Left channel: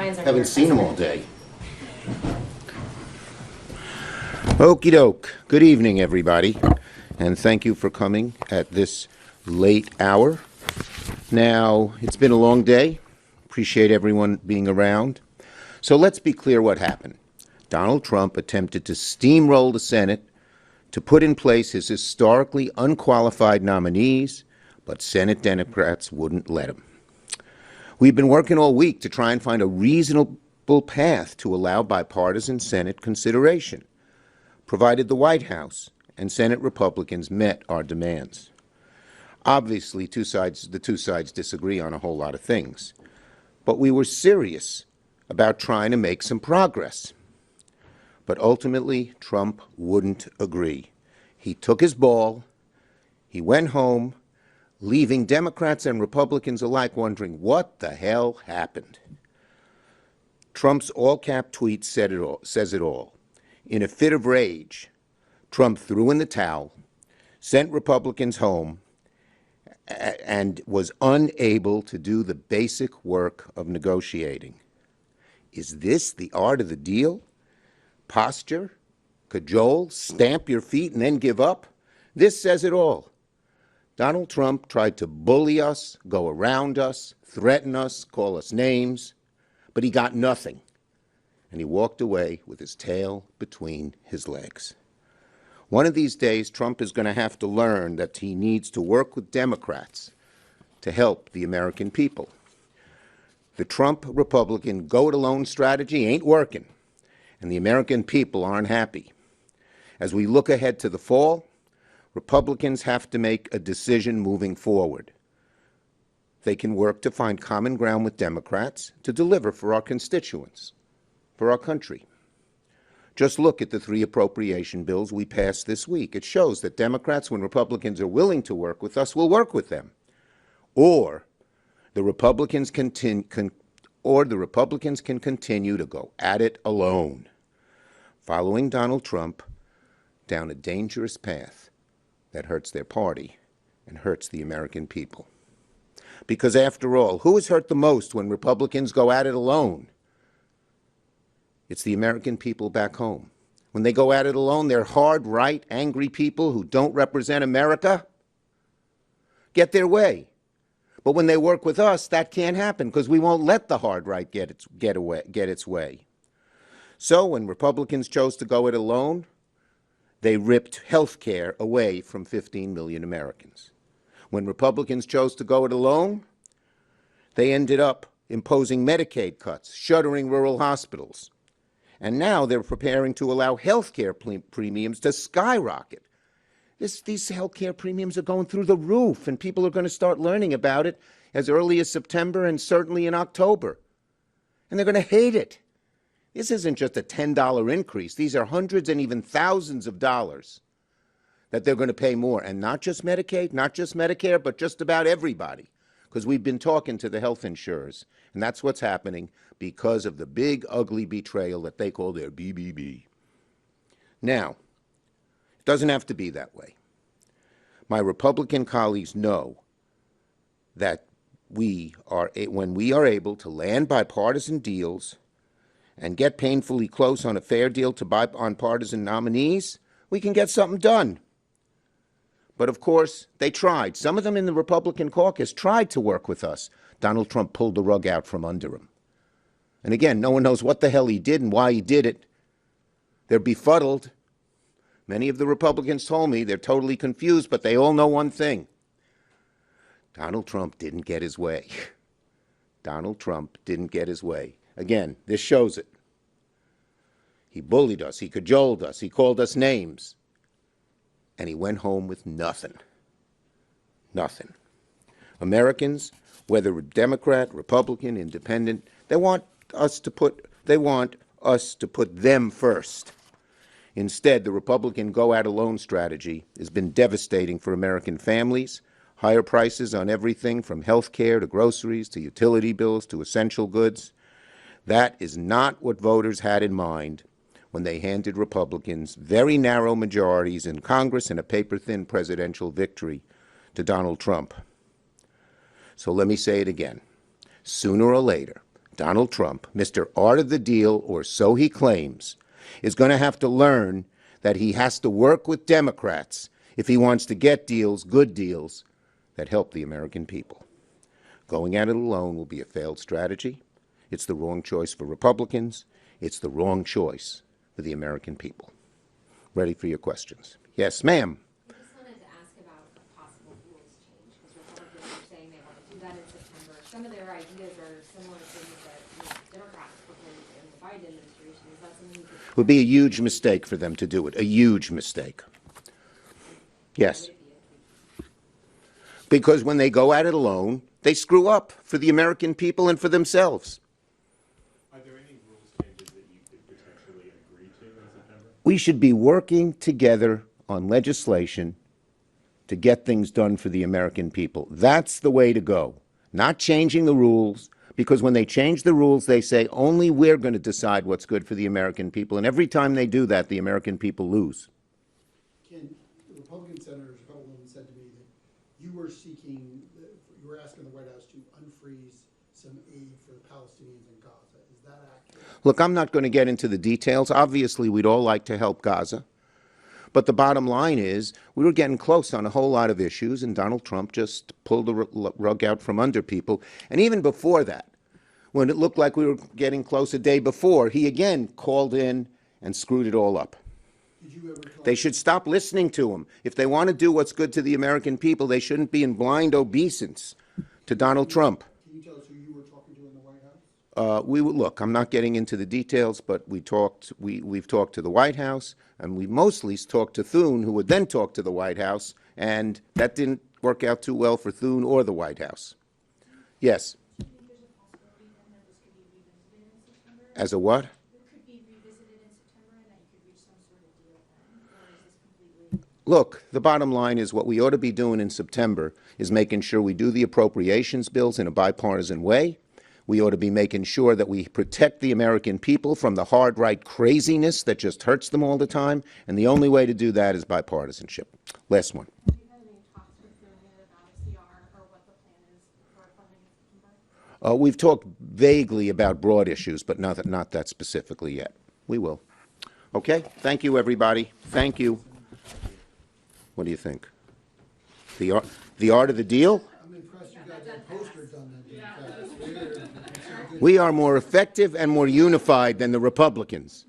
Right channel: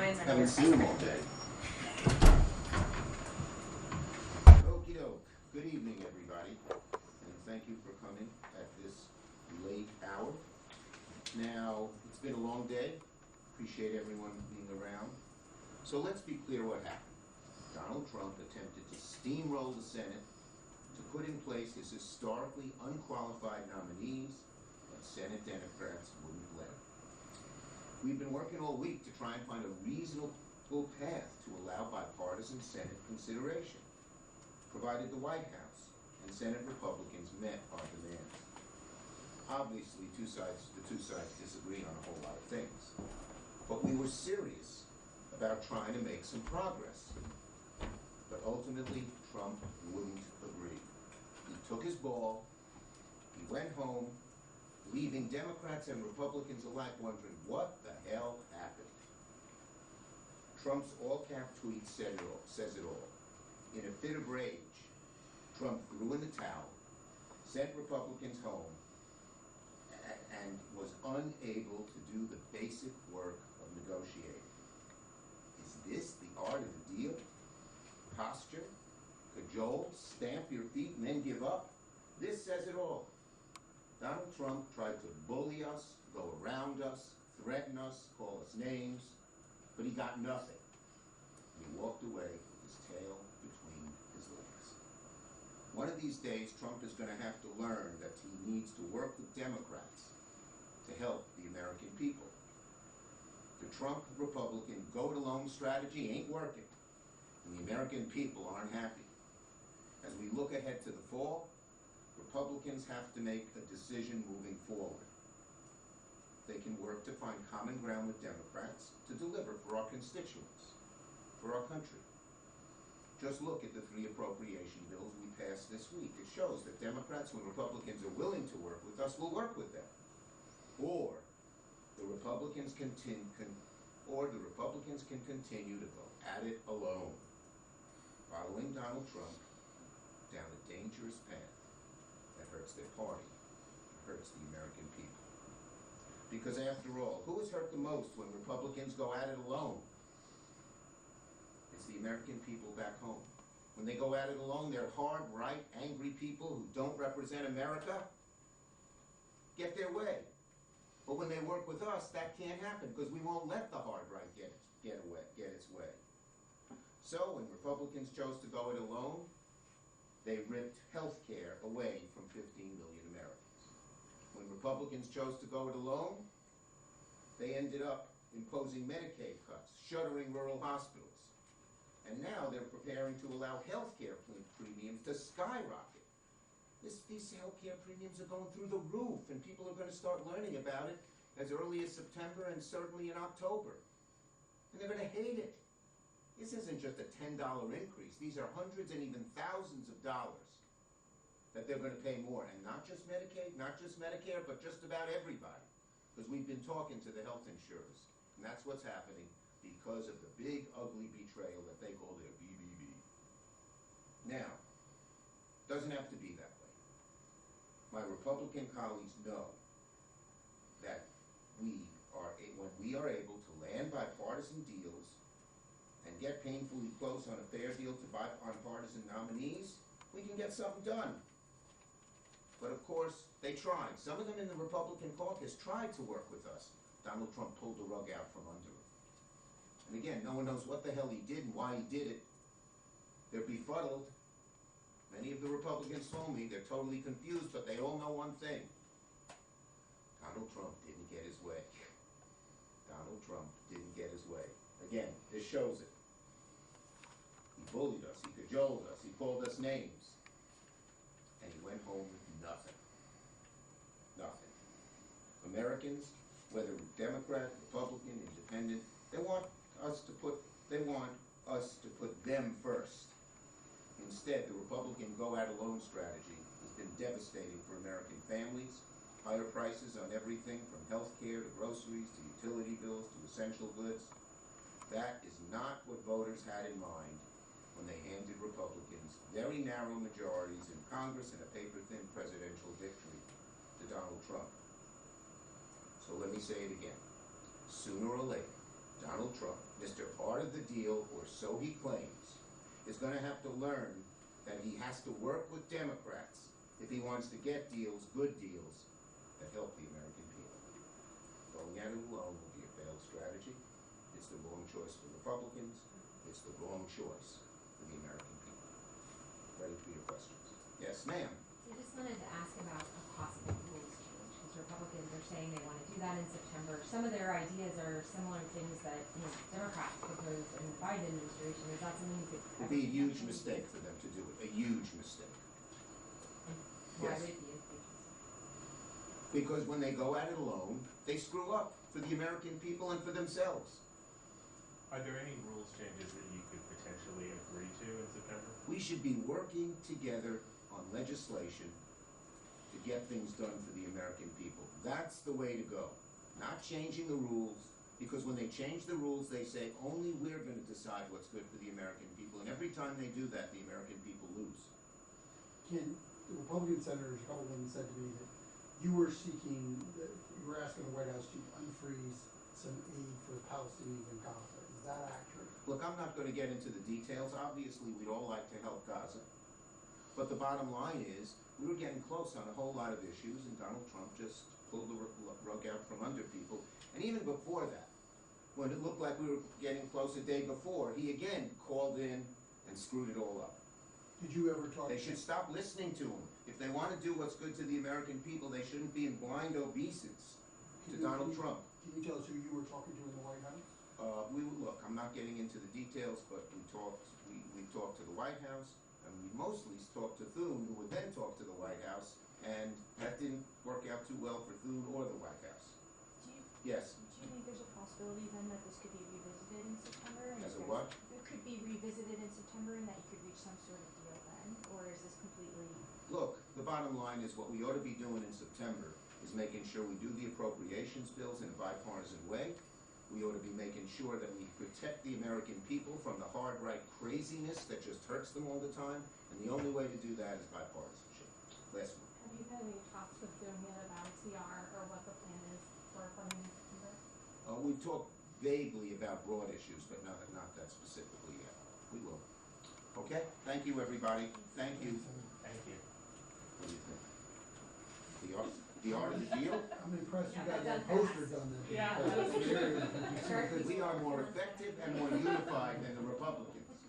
Haven't seen him all day. Okie doke. Good evening, everybody, and thank you for coming at this late hour. Now, it's been a long day. Appreciate everyone being around. So let's be clear what happened. Donald Trump attempted to steamroll the Senate to put in place his historically unqualified nominees, but Senate Democrats wouldn't let him. We've been working all week to try and find a reasonable path to allow bipartisan Senate consideration, provided the White House and Senate Republicans met our demands. Obviously, the two sides disagree on a whole lot of things, but we were serious about trying to make some progress. But ultimately, Trump wouldn't agree. He took his ball, he went home, leaving Democrats and Republicans alike wondering what the hell happened. Trump's all-cap tweet says it all. In a fit of rage, Trump threw in the towel, sent Republicans home, and was unable to do the basic work of negotiating. Is this the art of the deal? Posture, cajole, stamp your feet, and then give up? This says it all. Donald Trump tried to bully us, go around us, threaten us, call us names, but he got nothing. And he walked away with his tail between his legs. One of these days, Trump is going to have to learn that he needs to work with Democrats to help the American people. The Trump Republican go-it-alone strategy ain't working, and the American people aren't happy. As we look ahead to the fall, Republicans have to make a decision moving forward. They can work to find common ground with Democrats to deliver for our constituents, for our country. Just look at the 3 appropriation bills we passed this week. It shows that Democrats, when Republicans are willing to work with us, will work with them. Or the Republicans can continue to go at it alone, following Donald Trump down a dangerous path that hurts their party and hurts the American people. Because after all, who is hurt the most when Republicans go at it alone? It's the American people back home. When they go at it alone, they're hard, right, angry people who don't represent America get their way. But when they work with us, that can't happen because we won't let the hard right get its way. So when Republicans chose to go it alone, they ripped health care away from 15 million Americans. When Republicans chose to go it alone, they ended up imposing Medicaid cuts, shuttering rural hospitals. And now they're preparing to allow health care premiums to skyrocket. These health care premiums are going through the roof, and people are going to start learning about it as early as September and certainly in October. And they're going to hate it. This isn't just a $10 increase. These are hundreds and even thousands of dollars that they're going to pay more. And not just Medicaid, not just Medicare, but just about everybody. Because we've been talking to the health insurers. And that's what's happening because of the big, ugly betrayal that they call their BBB. Now, it doesn't have to be that way. My Republican colleagues know that when we are able to land bipartisan deals and get painfully close on a fair deal to bipartisan nominees, we can get something done. But of course, they tried. Some of them in the Republican caucus tried to work with us. Donald Trump pulled the rug out from under him. And again, no one knows what the hell he did and why he did it. They're befuddled. Many of the Republicans told me they're totally confused, but they all know one thing. Donald Trump didn't get his way. Donald Trump didn't get his way. Again, this shows it. He bullied us, he cajoled us, he called us names, and he went home with nothing. Nothing. Americans, whether Democrat, Republican, Independent, they want us to put them first. Instead, the Republican go-at-alone strategy has been devastating for American families. Higher prices on everything from health care to groceries to utility bills to essential goods. That is not what voters had in mind when they handed Republicans very narrow majorities in Congress and a paper-thin presidential victory to Donald Trump. So let me say it again. Sooner or later, Donald Trump, Mr. Art of the Deal, or so he claims, is going to have to learn that he has to work with Democrats if he wants to get deals, good deals, that help the American people. Going at it alone will be a failed strategy. It's the wrong choice for Republicans. It's the wrong choice for the American people. Ready for your questions. Yes, ma'am. I just wanted to ask about a possible rules change, because Republicans are saying they want to do that in September. Some of their ideas are similar things that Democrats proposed in the Biden administration. Is that something you could... It would be a huge mistake for them to do it, a huge mistake. Yes. Because when they go at it alone, they screw up for the American people and for themselves. Are there any rules changes that you could potentially agree to in September? We should be working together on legislation to get things done for the American people. That's the way to go. Not changing the rules, because when they change the rules, they say only we're going to decide what's good for the American people. And every time they do that, the American people lose. Ken, the Republican senators, a couple of them said to me that you were asking the White House to unfreeze some aid for the Palestinians in Gaza. Is that accurate? Look, I'm not going to get into the details. Obviously, we'd all like to help Gaza. But the bottom line is we were getting close on a whole lot of issues, and Donald Trump just pulled the rug out from under people. And even before that, when it looked like we were getting close a day before, he again called in and screwed it all up. Did you ever talk? They should stop listening to him. If they want to do what's good to the American people, they shouldn't be in blind obeisance to Donald Trump. Can you tell us who you were talking to in the White House? Look, I'm not getting into the details, but we've talked to the White House, and we mostly talked to Thune, who would then talk to the White House, and that didn't work out too well for Thune or the White House. Yes. Do you think there's a possibility then that this could be revisited in September? As a what? It could be revisited in September and that you could reach some sort of deal then? Or is this completely... Look, the bottom line is what we ought to be doing in September is making sure we do the appropriations bills in a bipartisan way. We ought to be making sure that we protect the American people from the hard right craziness that just hurts them all the time. And the only way to do that is bipartisanship. Last one. Have you had any talks with Thune yet about a CR or what the plan is for funding in September? We've talked vaguely about broad issues, but not that specifically yet. We will. Okay? Thank you, everybody. Thank you. What do you think? The art of the deal? I'm impressed you got that poster done. We are more effective and more unified than the Republicans.